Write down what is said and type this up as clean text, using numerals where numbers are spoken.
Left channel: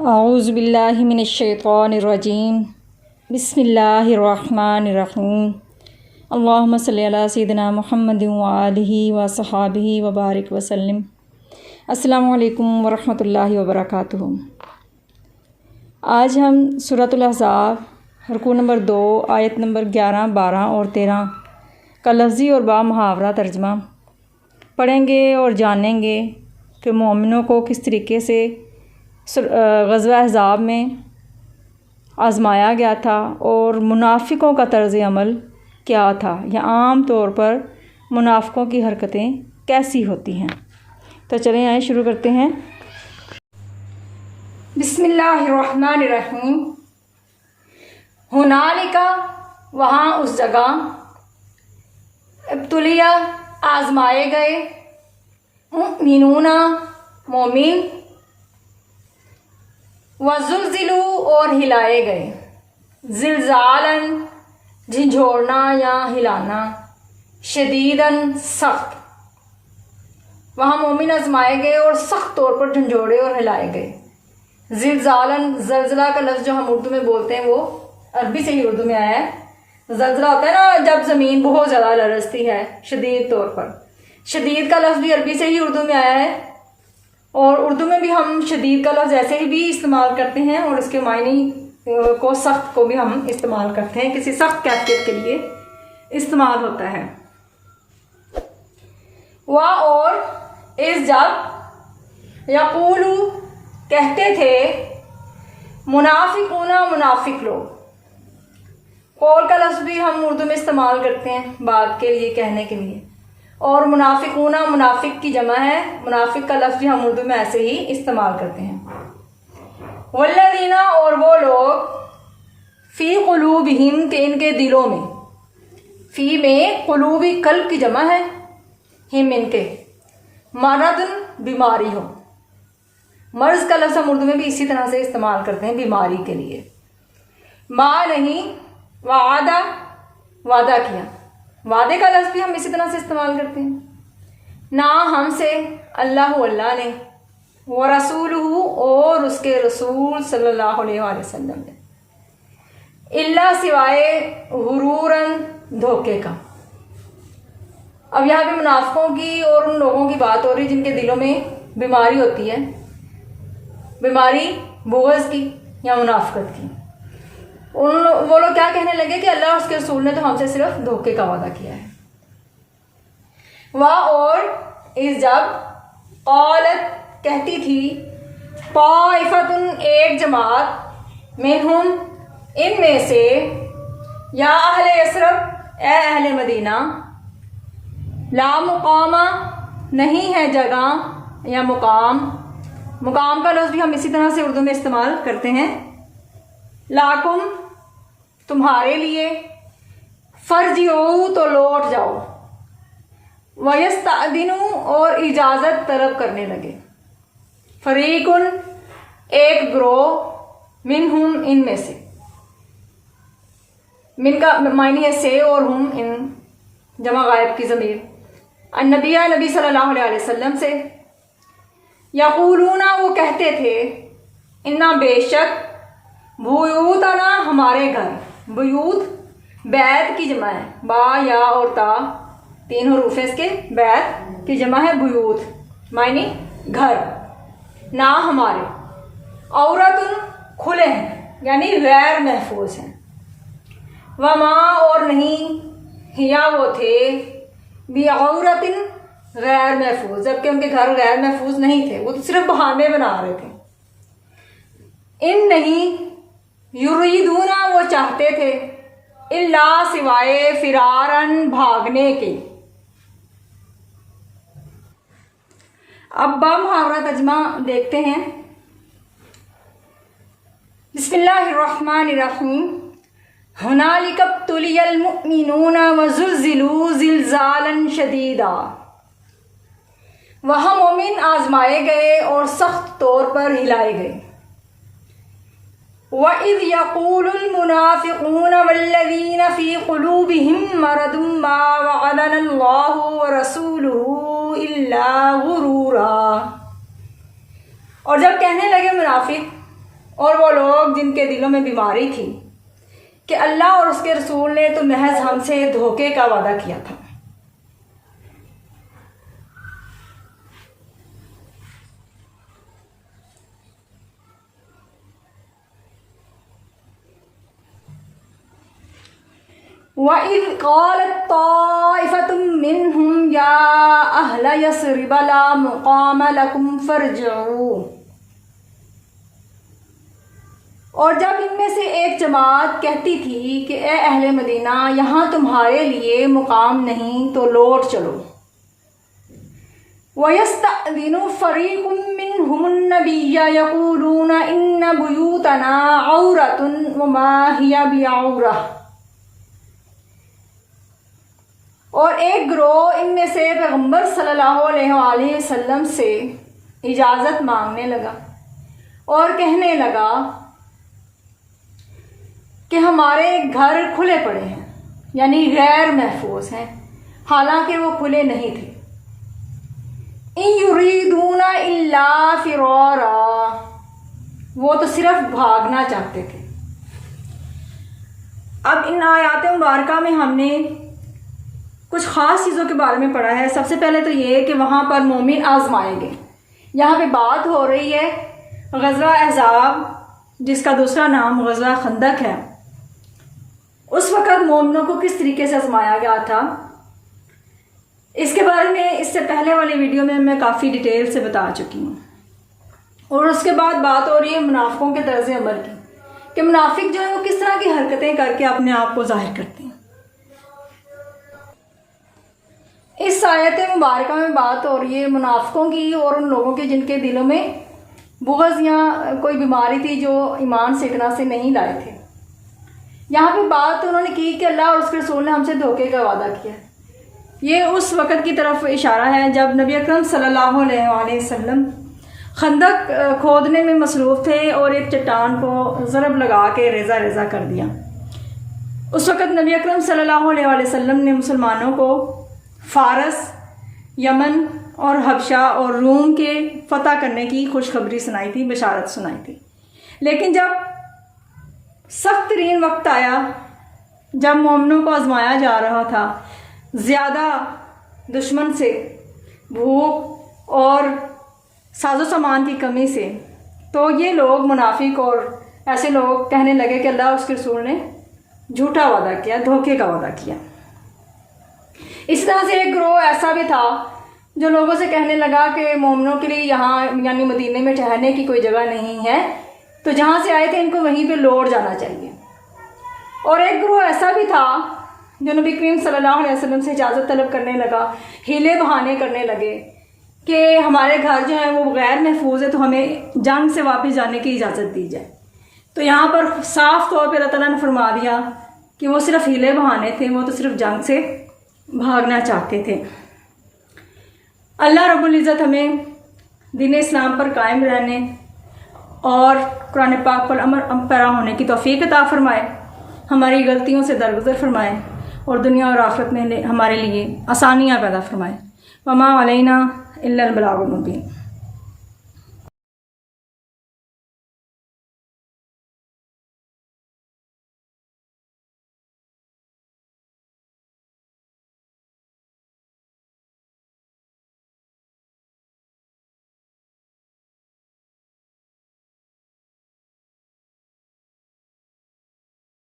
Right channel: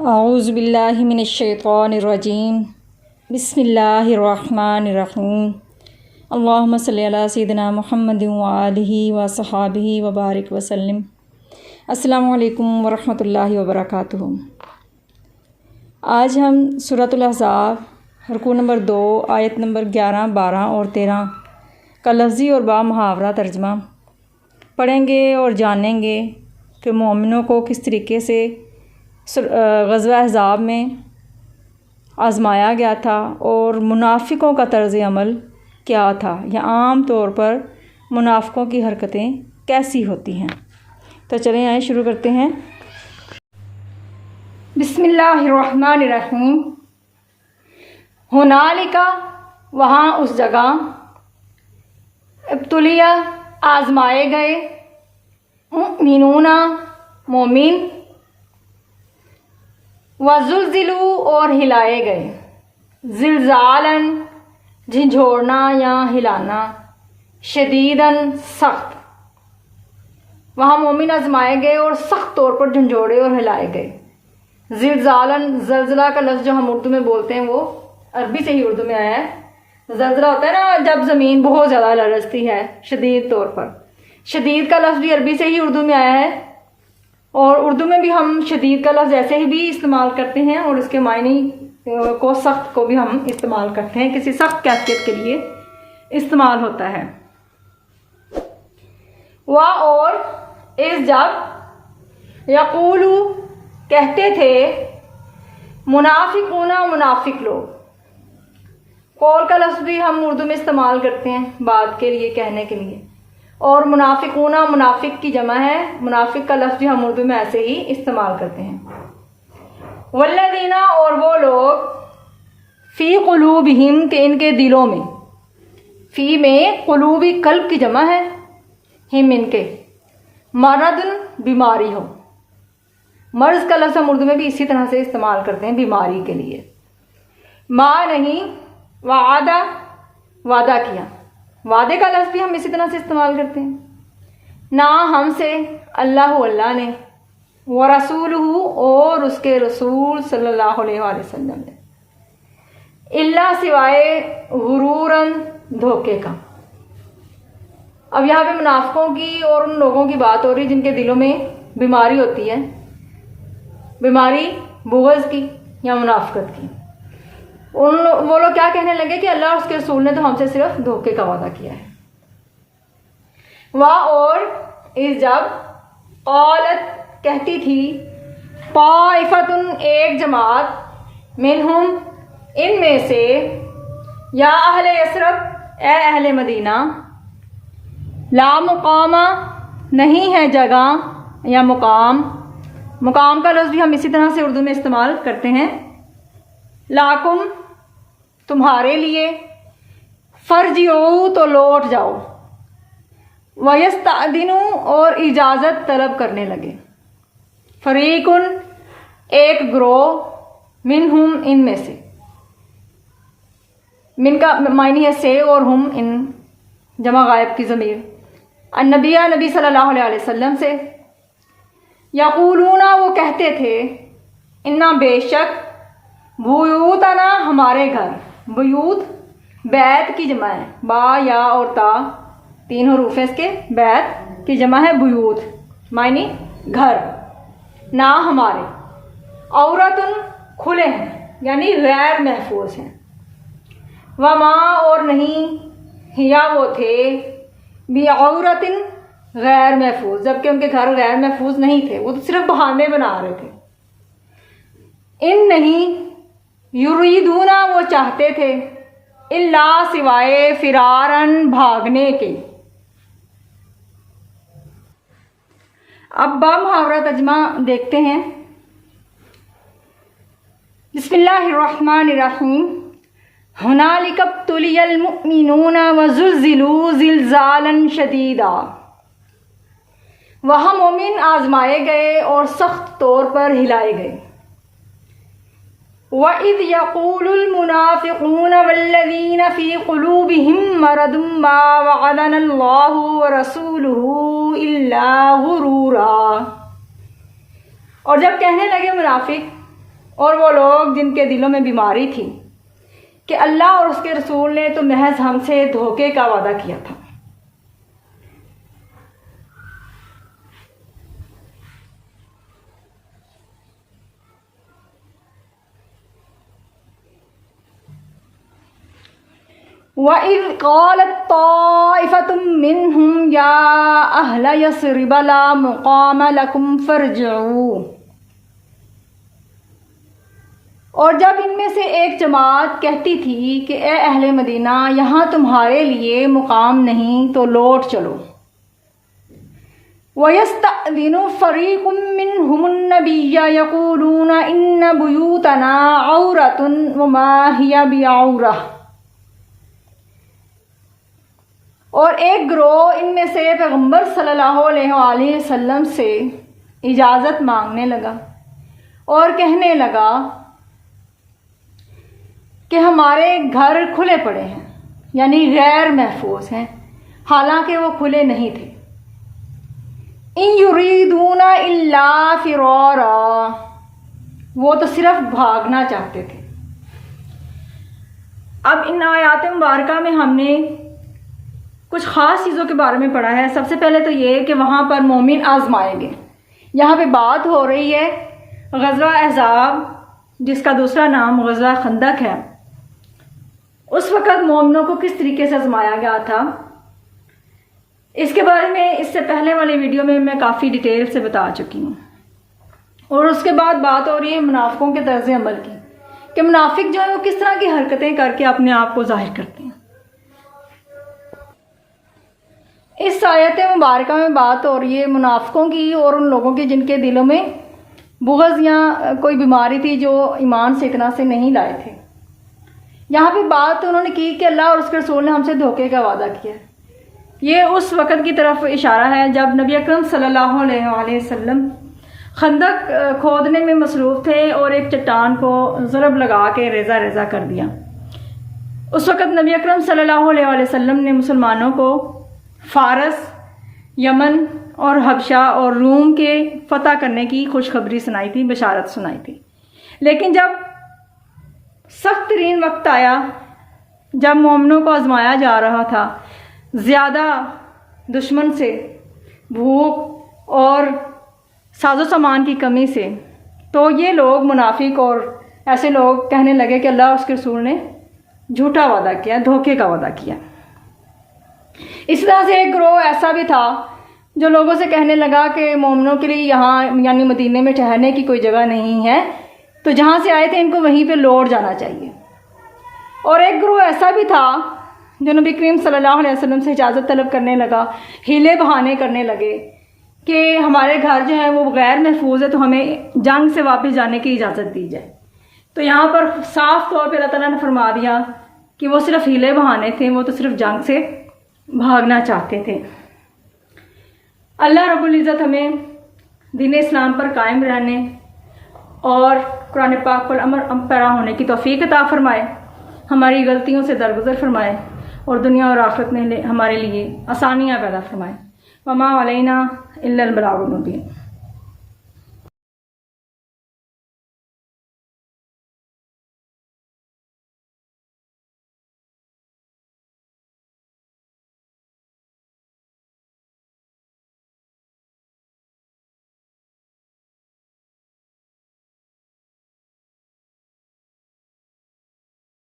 اعوذ باللہ من الشیطان الرجیم بسم اللہ الرحمن الرحیم اللہم صلی علی سیدنا محمد وآلہ وصحابہ وبارک وسلم۔ السلام علیکم ورحمۃ اللہ وبرکاتہ۔ آج ہم سورۃ الاحزاب رکوع نمبر 2 آیت نمبر 11، 12 اور 13 کا لفظی اور با محاورہ ترجمہ پڑھیں گے اور جانیں گے کہ مومنوں کو کس طریقے سے غزوہ احزاب میں آزمایا گیا تھا اور منافقوں کا طرز عمل کیا تھا، یا عام طور پر منافقوں کی حرکتیں کیسی ہوتی ہیں۔ تو چلیں آئیں شروع کرتے ہیں۔ بسم اللہ الرحمن الرحیم۔ ہنالک، وہاں اس جگہ، ابتلیہ آزمائے گئے، مؤمنون مومن، وزلزلوا اور ہلائے گئے، زلزالاً جھنجھوڑنا یا ہلانا، شدیداً سخت۔ وہاں مومن آزمائے گئے اور سخت طور پر جھنجھوڑے اور ہلائے گئے۔ زلزالاً، زلزلہ کا لفظ جو ہم اردو میں بولتے ہیں وہ عربی سے ہی اردو میں آیا ہے۔ زلزلہ ہوتا ہے نا جب زمین بہت زیادہ لرزتی ہے شدید طور پر۔ شدید کا لفظ بھی عربی سے ہی اردو میں آیا ہے، اور اردو میں بھی ہم شدید کا لفظ ایسے ہی بھی استعمال کرتے ہیں، اور اس کے معنی کو سخت کو بھی ہم استعمال کرتے ہیں، کسی سخت کیفیت کے لیے استعمال ہوتا ہے۔ اور اس جب یقولو کہتے تھے، منافقون منافق لوگ، قول کا لفظ بھی ہم اردو میں استعمال کرتے ہیں بات کے لیے، کہنے کے لیے، اور منافقون منافق کی جمع ہے، منافق کا لفظ بھی ہم اردو میں ایسے ہی استعمال کرتے ہیں۔ والذین، اور وہ لوگ، فی قلوبہم، کہ ان کے دلوں میں، فی میں قلوبی قلب کی جمع ہے، ہم ان کے، مرض بیماری ہو۔ مرض کا لفظ ہم اردو میں بھی اسی طرح سے استعمال کرتے ہیں بیماری کے لیے۔ ما نہیں، وعدہ وعدہ کیا، وعدے کا لفظ بھی ہم اسی طرح سے استعمال کرتے ہیں۔ نہ ہم سے، اللہ نے، ورسولہ، اور اس کے رسول صلی اللہ علیہ وآلہ وسلم نے، اللہ سوائے غروراً، دھوکے کا۔ اب یہاں پہ منافقوں کی اور ان لوگوں کی بات ہو رہی جن کے دلوں میں بیماری ہوتی ہے، بیماری بغض کی یا منافقت کی۔ وہ لوگ کیا کہنے لگے کہ اللہ اس کے رسول نے تو ہم سے صرف دھوکے کا وعدہ کیا ہے۔ اور اس جب، قالت کہتی تھی، طائفۃ ایک جماعت، منہم ان میں سے، یا اہل یثرب اے اہل مدینہ، لا مقام نہیں ہے جگہ یا مقام، مقام کا لفظ بھی ہم اسی طرح سے اردو میں استعمال کرتے ہیں، لاکم تمہارے لیے، فرجعوا تو لوٹ جاؤ، وَيَسْتَأْذِنُوا اور اجازت طلب کرنے لگے، فریقٌ ایک گروہ، منہم ان میں سے، من کا معنی ہے سے، اور ہم ان جمع غائب کی ضمیر، النبی نبی صلی اللہ علیہ وسلم سے، یقولون وہ کہتے تھے، انا بے شک، بیوتنا ہمارے گھر، بیوت بیت کی جمع ہے، با یا اور تا تین حروف ہیں اس کے، بیت کی جمع ہے بیوت، معنی گھر، نہ ہمارے، عورتن کھلے ہیں یعنی غیر محفوظ ہیں، وما اور نہیں، ہیا وہ تھے، بعورتن غیر محفوظ، جبکہ ان کے گھر غیر محفوظ نہیں تھے، وہ تو صرف بہانے بنا رہے تھے۔ ان نہیں، یریدون وہ چاہتے تھے، الا سوائے، فرارن بھاگنے کے۔ اب با محاورہ ترجمہ دیکھتے ہیں۔ بسم اللہ الرحمن الرحیم۔ ہنالک ابتلی المؤمنون وزلزلوا زلزالا شدیدا، وہاں مومن آزمائے گئے اور سخت طور پر ہلائے گئے۔ وَإِذْ يَقُولُ الْمُنَافِقُونَ وَالَّذِينَ فِي قُلُوبِهِم مَّرَضٌ مَّا وَعَدَنَا اللَّهُ وَرَسُولُهُ إِلَّا غُرُورًا، اور جب کہنے لگے منافق اور وہ لوگ جن کے دلوں میں بیماری تھی کہ اللہ اور اس کے رسول نے تو محض ہم سے دھوکے کا وعدہ کیا تھا۔ وَإِذْ قَالَتْ طَائِفَةٌ مِّنْهُمْ يَا أَهْلَ يَثْرِبَ لَا مُقَامَ لَكُمْ فَارْجِعُوا، اور جب ان میں سے ایک جماعت کہتی تھی کہ اے اہل مدینہ یہاں تمہارے لیے مقام نہیں تو لوٹ چلو۔ وَيَسْتَأْذِنُ فَرِيقٌ مِّنْهُمُ النَّبِيَّ يَقُولُونَ إِنَّ بُيُوتَنَا عَوْرَةٌ وَمَا هِيَ بِعَوْرَةٍ، اور ایک گروہ ان میں سے پیغمبر صلی اللہ علیہ وآلہ وسلم سے اجازت مانگنے لگا اور کہنے لگا کہ ہمارے گھر کھلے پڑے ہیں، یعنی غیر محفوظ ہیں، حالانکہ وہ کھلے نہیں تھے۔ ان یریدون الا فرارا، وہ تو صرف بھاگنا چاہتے تھے۔ اب ان آیات مبارکہ میں ہم نے کچھ خاص چیزوں کے بارے میں پڑھا ہے۔ سب سے پہلے تو یہ کہ وہاں پر مومن آزمائے گئے۔ یہاں پہ بات ہو رہی ہے غزوہ احزاب، جس کا دوسرا نام غزوہ خندق ہے۔ اس وقت مومنوں کو کس طریقے سے آزمایا گیا تھا، اس کے بارے میں اس سے پہلے والی ویڈیو میں کافی ڈیٹیل سے بتا چکی ہوں۔ اور اس کے بعد بات ہو رہی ہے منافقوں کے طرز عمل کی، کہ منافق جو ہے وہ کس طرح کی حرکتیں کر کے اپنے آپ کو ظاہر کرتے ہیں۔ اس آیت مبارکہ میں بات ہو رہی ہے منافقوں کی اور ان لوگوں کے جن کے دلوں میں بغض یا کوئی بیماری تھی، جو ایمان سے اتنا سے نہیں لائے تھے۔ یہاں پہ بات انہوں نے کی کہ اللہ اور اس کے رسول نے ہم سے دھوکے کا وعدہ کیا۔ یہ اس وقت کی طرف اشارہ ہے جب نبی اکرم صلی اللہ علیہ وآلہ وسلم خندق کھودنے میں مصروف تھے اور ایک چٹان کو ضرب لگا کے ریزہ ریزہ کر دیا۔ اس وقت نبی اکرم صلی اللہ علیہ وآلہ وسلم نے مسلمانوں کو فارس، یمن اور حبشہ اور روم کے فتح کرنے کی خوشخبری سنائی تھی، بشارت سنائی تھی۔ لیکن جب سخت ترین وقت آیا، جب مومنوں کو آزمایا جا رہا تھا زیادہ دشمن سے، بھوک اور ساز و سامان کی کمی سے، تو یہ لوگ منافق اور ایسے لوگ کہنے لگے کہ اللہ اور اس کے رسول نے جھوٹا وعدہ کیا، دھوکے کا وعدہ کیا۔ اس طرح سے ایک گروہ ایسا بھی تھا جو لوگوں سے کہنے لگا کہ مومنوں کے لیے یہاں یعنی مدینے میں ٹھہرنے کی کوئی جگہ نہیں ہے، تو جہاں سے آئے تھے ان کو وہیں پہ لوٹ جانا چاہیے۔ اور ایک گروہ ایسا بھی تھا جو نبی کریم صلی اللہ علیہ وسلم سے اجازت طلب کرنے لگا، ہیلے بہانے کرنے لگے کہ ہمارے گھر جو ہیں وہ غیر محفوظ ہے، تو ہمیں جنگ سے واپس جانے کی اجازت دی جائے۔ تو یہاں پر صاف طور پہ اللہ تعالیٰ نے فرما دیا کہ وہ صرف ہیلے بہانے تھے، وہ تو صرف جنگ سے بھاگنا چاہتے تھے۔ اللہ رب العزت ہمیں دین اسلام پر قائم رہنے اور قرآن پاک پر عمل پیرا ہونے کی توفیق عطا فرمائے، ہماری غلطیوں سے درگزر فرمائے اور دنیا اور آخرت میں ہمارے لیے آسانیاں پیدا فرمائے۔ وما علینا الا البلاغ المبین۔